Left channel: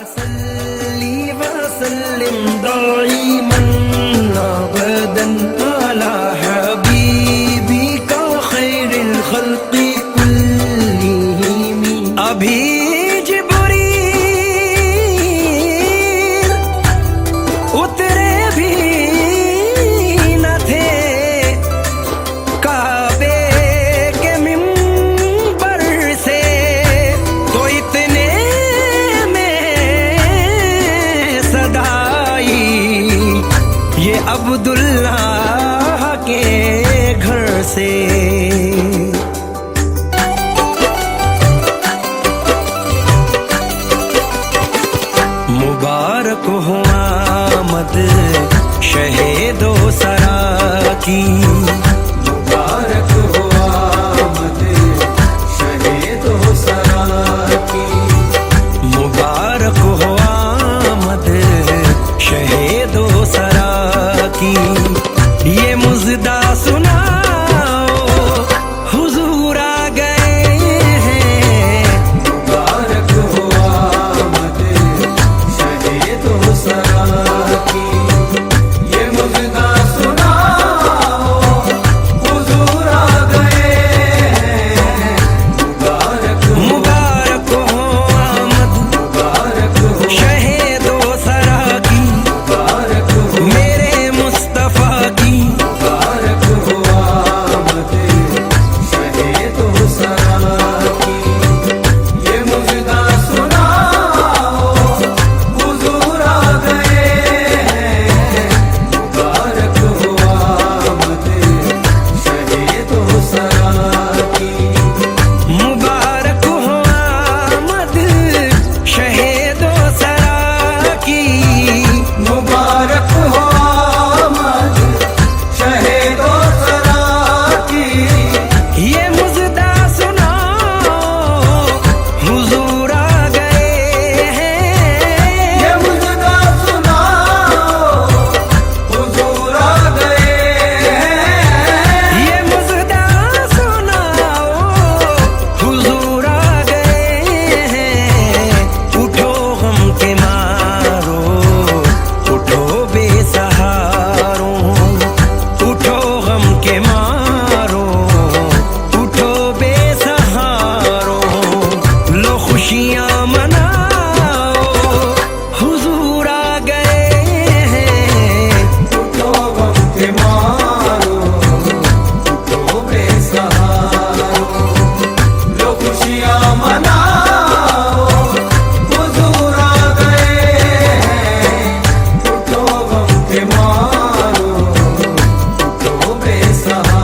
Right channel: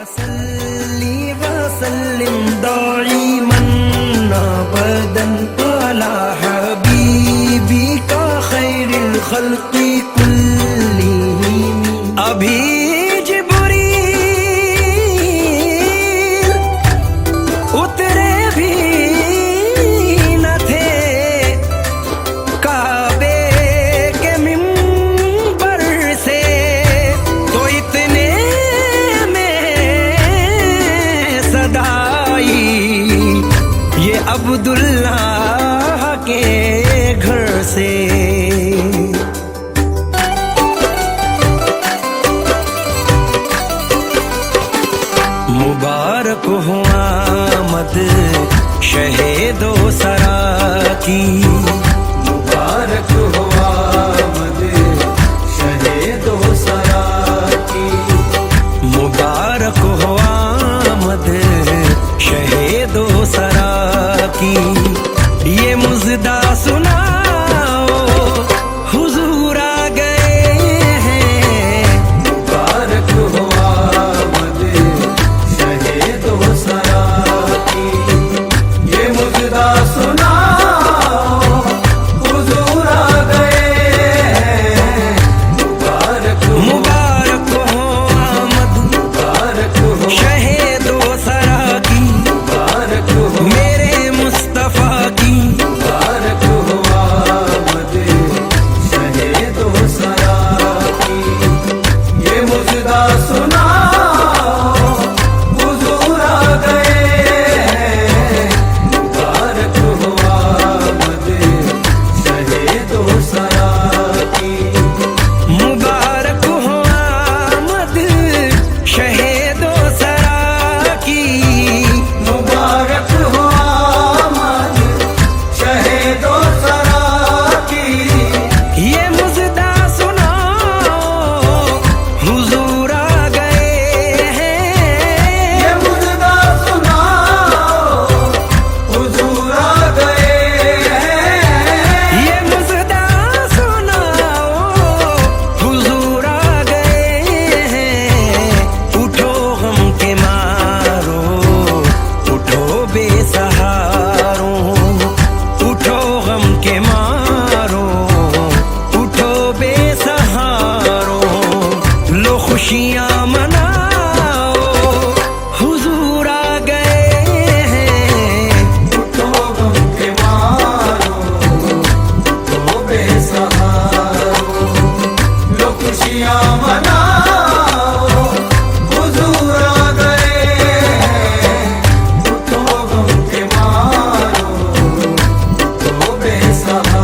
सल्ली वसल्लिम दाइमन अबदन अला हबीबिका खैरिल खल्क़ि कुल्लिहिम। अभी जिब्रील उतरे भी न थे काबे के मिंबर से, तो इतने ये अब्दुल्लाह के घर से। मुबारक हो आमद शहीदो सरा की, मुबारक हो आमद शहीदो सरा की, मुबारक हो आमद शहीदो सरा की। ये मुज़दा सुनाओ हुजूर आ गए हैं, मुबारक हो आमद शहीदो सरा की। ये मुज़दा सुनाओ हुजूर आ गए हैं, मुबारक हो आमद शहीदो सरा की, मेरे मुस्तफा की। मुबारक हो आमद शहीदो सरा की। ये मुज़दा सुनाओ हुजूर आ गए हैं, मुबारक हो आमद शहीदो सरा की। मुबारक हो आमद शहीदो सरा की, मुबारक हो आमद शहीदो सरा की। ये मुज़दा सुनाओ हुजूर आ गए हैं, ये मुज़दा सुनाओ हुजूर आ गए हैं, ये मुज़दा सुनाओ हुजूर आ गए हैं। उठो गम के मारो, उठो बेसहारों, उठो गम के मारो, उठो बेसहारों, लो खुशियाँ मनाओ हुजूर आ गए हैं। उठो गम के मारो, उठो बेसहारों, लो खुशियाँ मनाओ हुजूर आ गए हैं। उठो गम के मारो, उठो बेसहारों।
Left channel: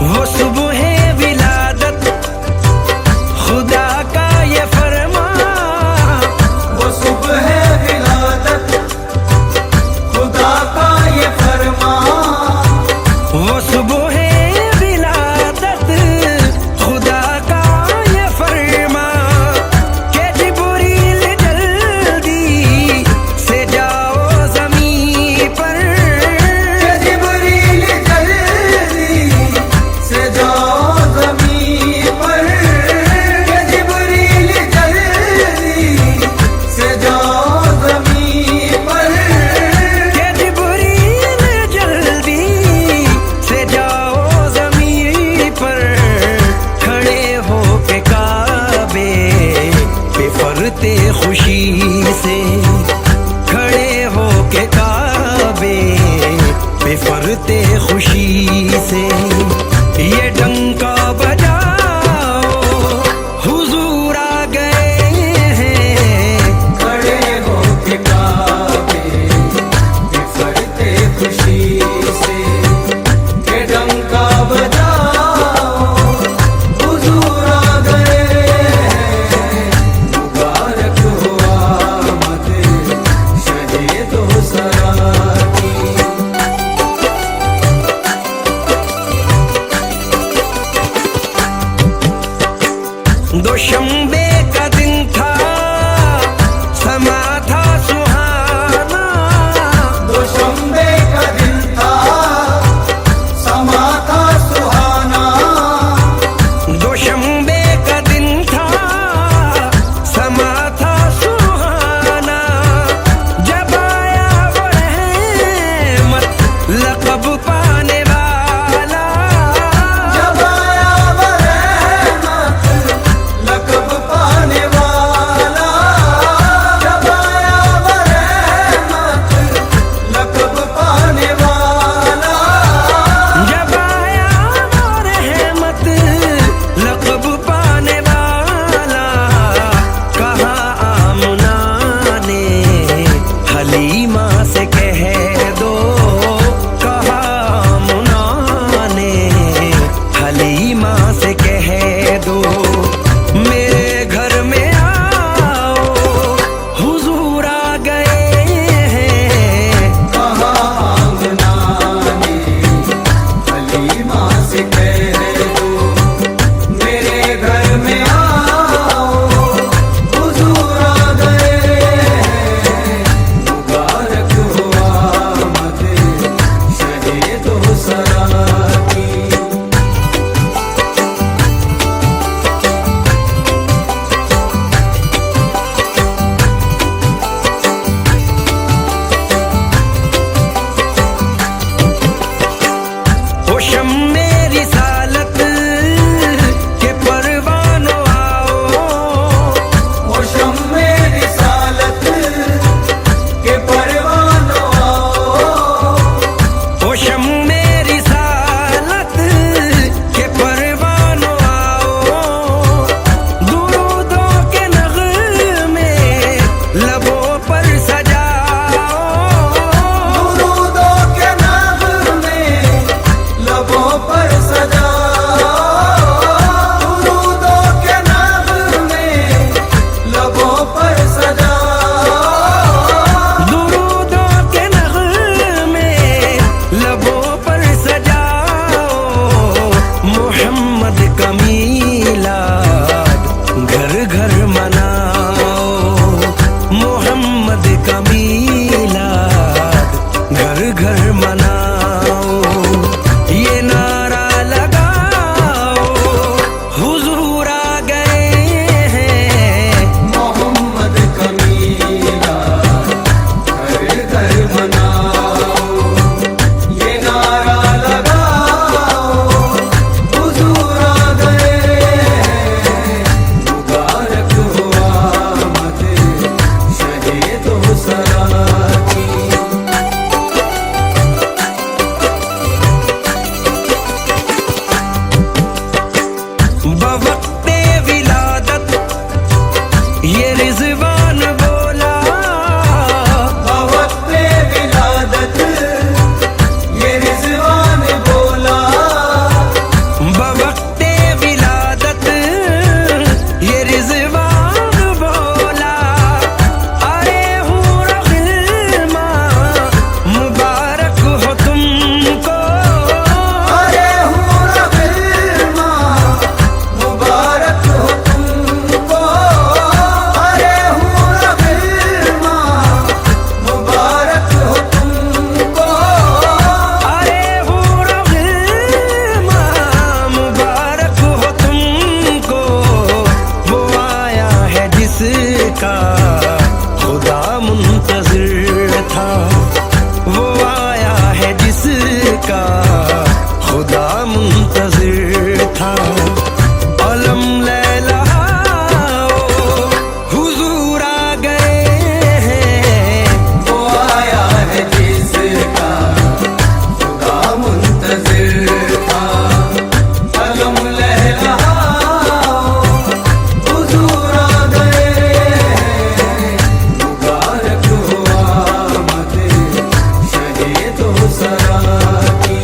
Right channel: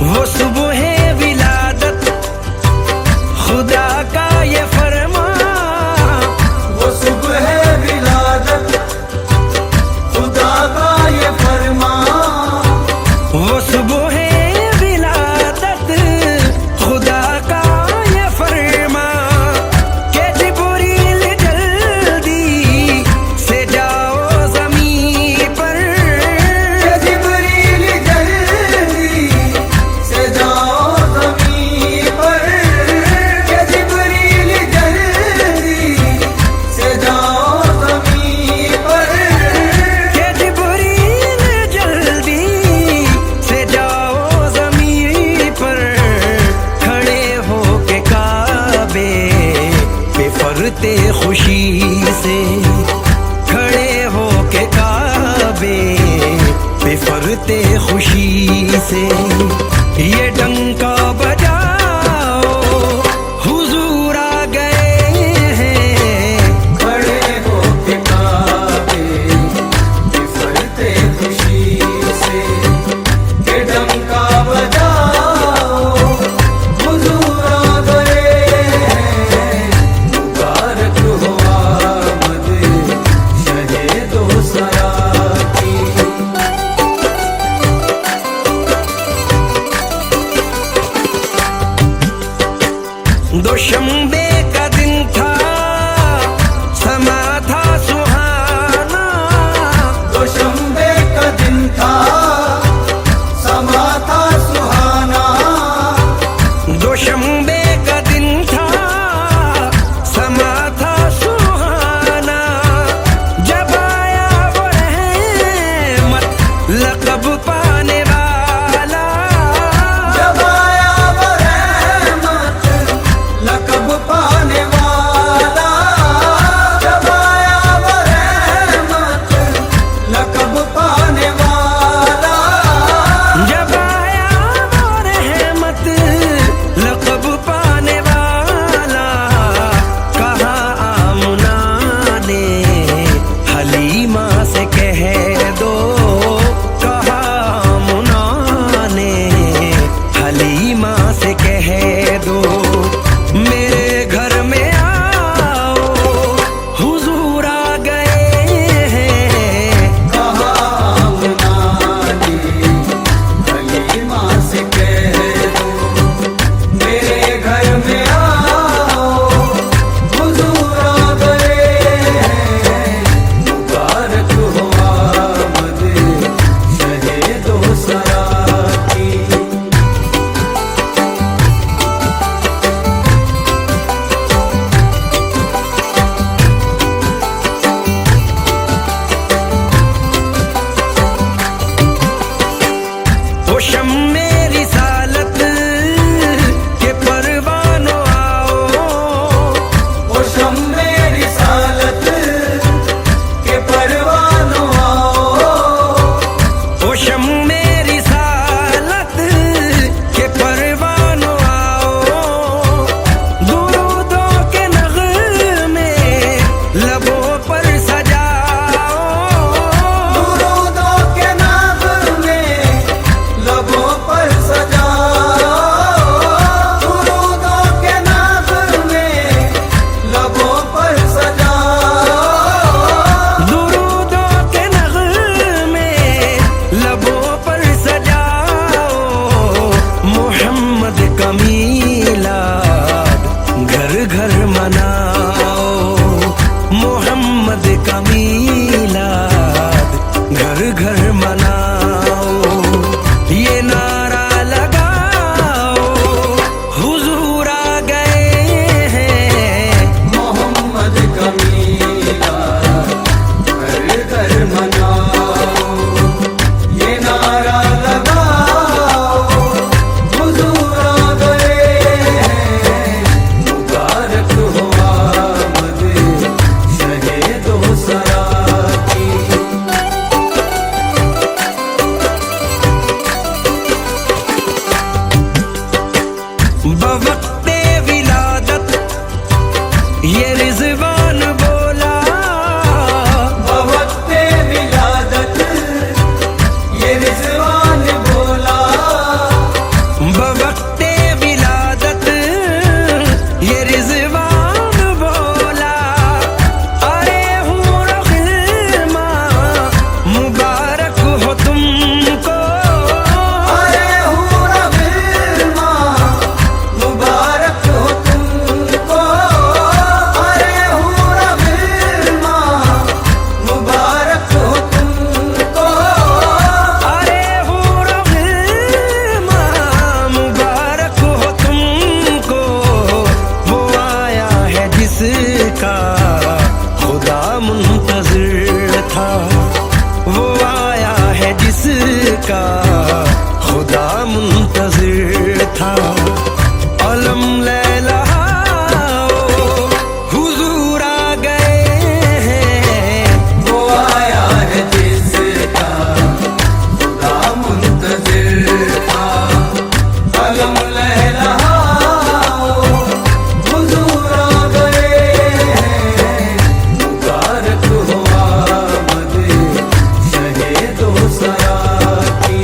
वो सुबह विलादत खुदा का ये फरमा, वो सुबह विलादत खुदा का ये फरमा, वो सुबह विलादत खुदा का ये फरमा, के जिब्रील जल्दी से जाओ ज़मीन पर, जिब्रील जल्दी से जाओ ज़मीन पर, जिब्रील जल्दी से जाओ ज़मीन पर, जिब्रील जल्दी से जाओ ज़मीन पर। खड़े हो के काबे पे फरते खुशी से, खड़े हो के काबे पे फरते खुशी से। ये डंका बजाओ हुजूर आ गए हैं, खड़े हो के काबे पे फरते खुशी से। ये डंका बजाओ हुजूर आ गए हैं, मुबारक हो आमद शहीदो सरा की। से कह दो, कहा मुना ने हलीमा से कह दो, मेरे घर में आओ हुजूर आ गए हैं। कहा मुना ने हलीमा से कह दो, मेरे घर में आओ हुजूर आ गए हैं। मुबारक हो आमद शहे दो सरा की। ओ शम्मे रिसालत के परवानों आओ, ओ शम्मे रिसालत के परवानों आओ, ओ शम्मे रिसालत के परवानों आओ, दुरूदों के नग़मे लबों पर सजाओ, दुरूदों के नग़मे लबों पर सजाओ, दुरूदों के नग़मे लबों पर सजाओ, दुरूदों के नग़मे लबों पर सजाओ, मोहम्मद का मीलाद घर घर मनाओ, मोहम्मद का मीलाद घर घर मनाओ, ये नारा लगाओ हुजूर आ गए हैं। मोहम्मद का मीलाद घर घर मनाओ, ये नारा लगाओ हुजूर आ गए हैं। मुबारक हो आमद शहे दो सरा की। बवक्ते विलादत ये रिजवान बोला, बवक्ते विलादत ये रिज़वान बोला, बवक्ते विलादत ये रिजवान बोला, अरे हूर गिल्मा मुबारक हो तुमको, अरे हूर गिल्मा मुबारक हो तुमको, अरे हूर गिल्मा मुबारक हो तुमको, अरे हूर गिल्मा मुबारक हो तुमको, वो आया है जिसका खुदा मुंतज़िर था, वो आया है जिसका खुदा मुंतज़िर था, अलम लहलाओ हुजूर आ गए हैं। वो आया है जिसका खुदा मुंतज़िर था, अलम लहलाओ हुजूर आ गए हैं। मुबारक हो आमद शहे दो सरा की।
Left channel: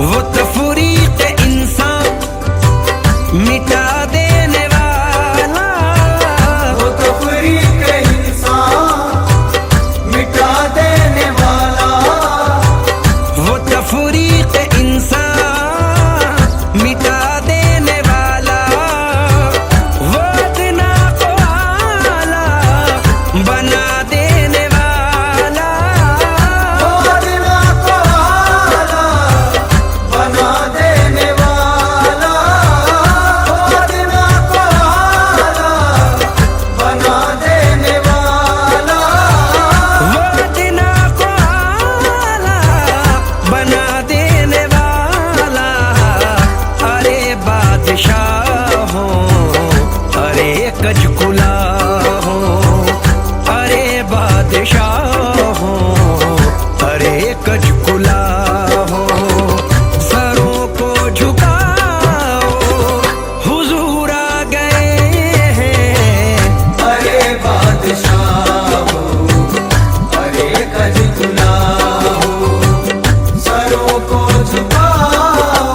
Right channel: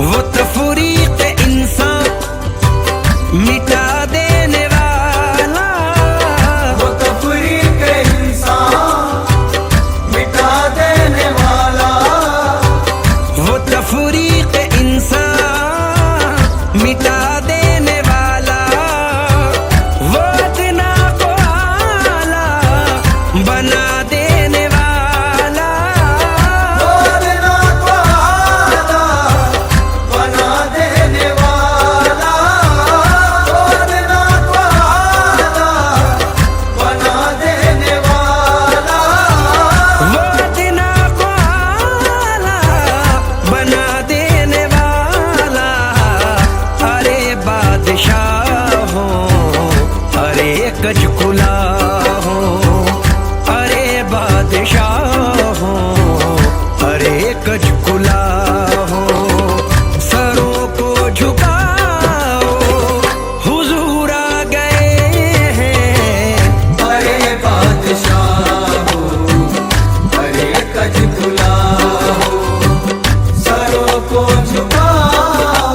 वो तफरीक इंसान मिटा देने वाला, वो तफरीक इंसान मिटा देने वाला, वो तफरीक इंसान मिटा देने वाला, वो अदना को आला बना देने वाला, अदना को आला बना देने वाला, अदना को आला बना देने वाला, वो अदना को आला बना देने वाला, अरे बादशाहों अरे कजकुला हो, अरे बादशाहों अरे मरकज खुला हो, सरों को झुकाओ, हुजूर आ गए हैं। अरे बादशाह हो, अरे कज खुला हो, सरों को झुकाओ,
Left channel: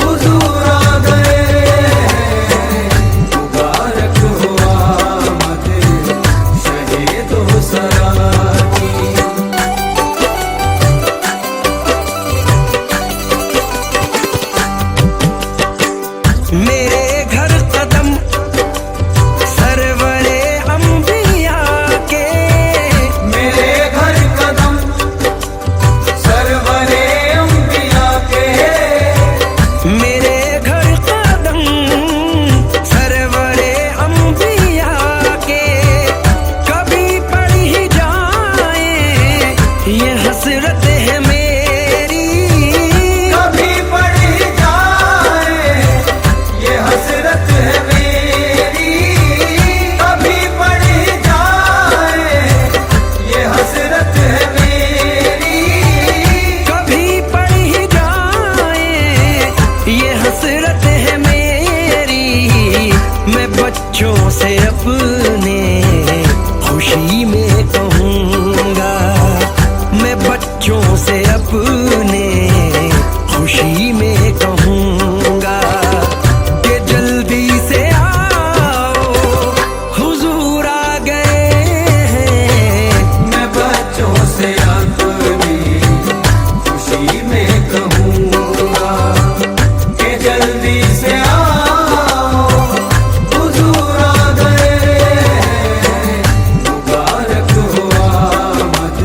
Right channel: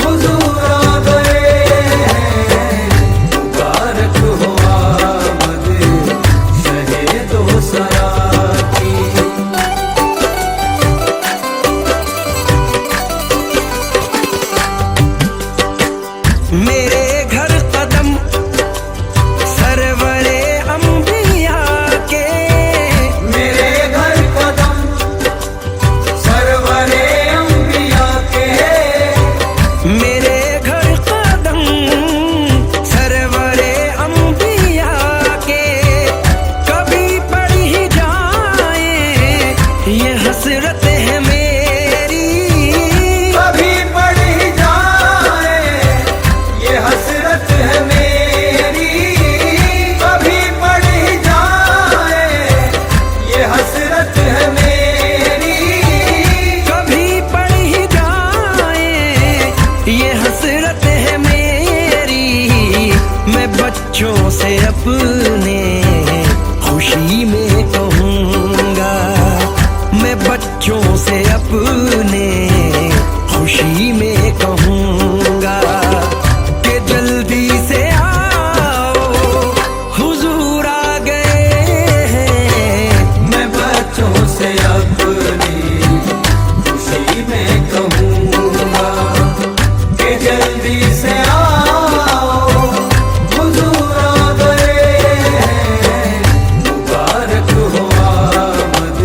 हुजूर आ गए हैं। मुबारक हो आमद शहे दो सरा की। मेरे घर कदम सरवरे अंबिया के, मेरे घर कदम सरवरे अंबिया के। मेरे घर कदम सरवरे अंबिया के, कभी पड़ ही जाए ये हसरत है मेरी। कभी पड़ जाए ये हसरत है मेरी, कभी पड़ जाए ये हसरत है मेरी। कभी पड़ ही जाए ये हसरत है मेरी। मैं बच्चों से अपने खुशी में कहूँगा, मैं बच्चों से अपने खुशी में कहूँगा कि जल्दी से आओ, हुजूर आ गए हैं। मैं बच्चों से अपनी खुशी में कहूँगा कि जल्दी से आओ, हुजूर आ गए हैं। मुबारक हो आमद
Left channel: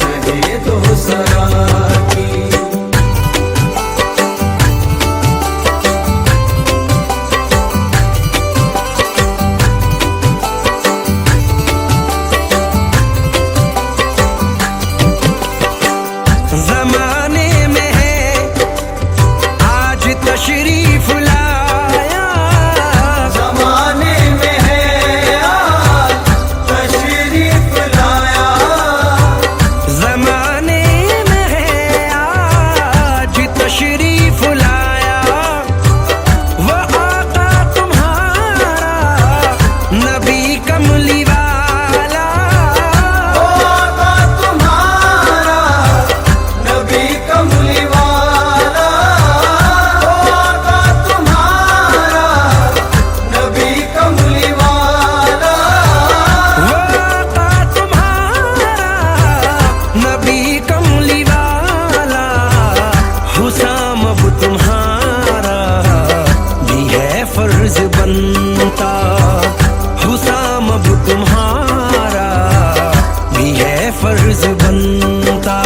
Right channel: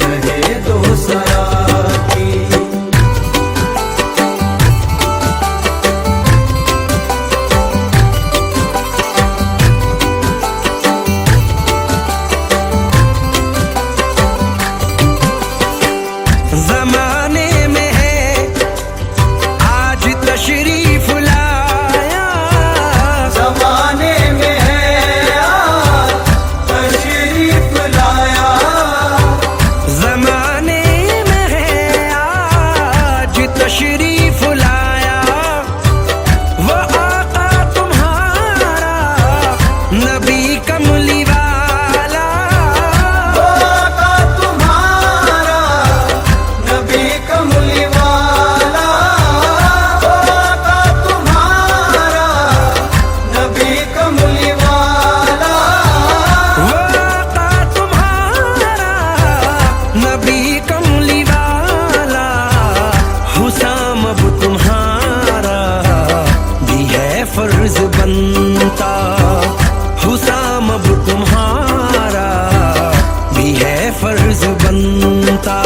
शहे दो सरा की। जमाने में है आज तशरीफ लाया, ज़माने में है आज तशरीफ लाया। जमाने में है आज तशरीफ लाया। वो आका तुम्हारा नबी कमली वाला, आका तुम्हारा नबी कमली वाला। आका तुम्हारा नबी कमली वाला। वो आका तुम्हारा नबी कमली वाला। हुसाम अब तुम्हारा भी है फर्ज बनता, हुसाम अब तुम्हारा भी है फर्ज बनता।